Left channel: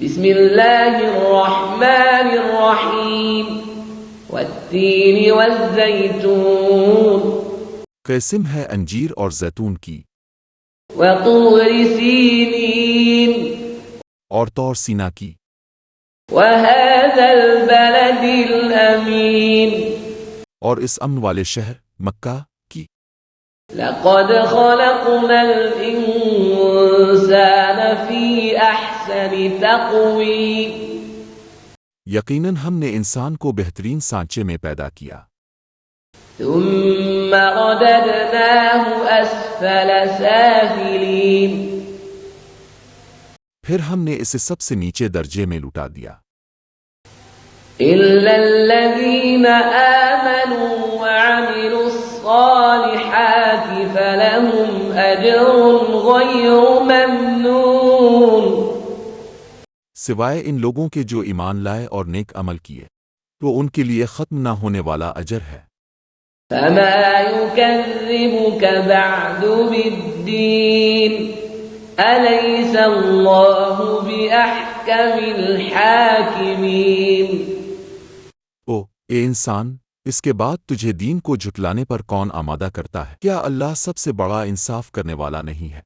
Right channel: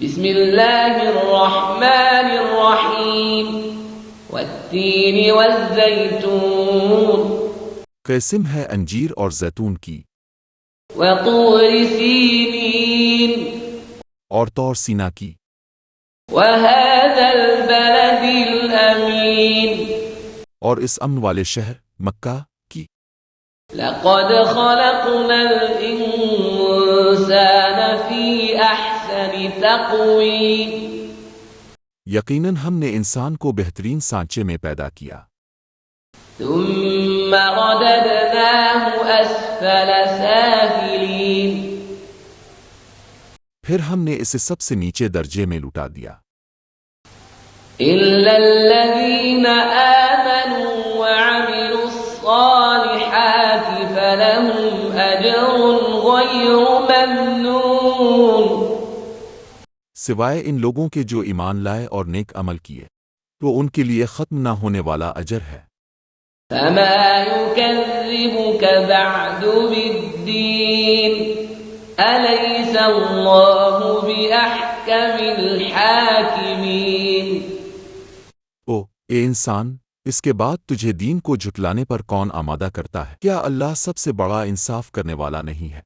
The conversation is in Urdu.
بسم اللہ الرحمن الرحیم والتین والزیتون قسم ہے انجیر اور زیتون کی، وطور سینین اور طور سینا کی، وهذا البلد الامین اور اس امن والے شہر مکہ کی۔ لقد خلقنا الانسان فی احسن تقویم یقیناً ہم نے انسان کو بہترین سانچے میں پیدا کیا، ثم رددناه اسفل سافلین پھر ہم نے اسے سب سے نیچے درجے میں لٹا دیا، إلا الذين آمنوا وعملوا الصالحات فلهم أجر غير ممنون سوائے ان لوگوں کے جو ایمان لائے اور نیک عمل کیے تو ان کے لیے ختم نہ ہونے والا اجر ہے۔ فما يكذبك بعد بالدين أليس الله بأحكم الحاكمين اے انسان، اس کے بعد تجھے دین کو جھٹلانے پر کون آمادہ کرتا ہے؟ کیا اللہ سب سے بڑا انصاف کرنے والا نہیں ہے؟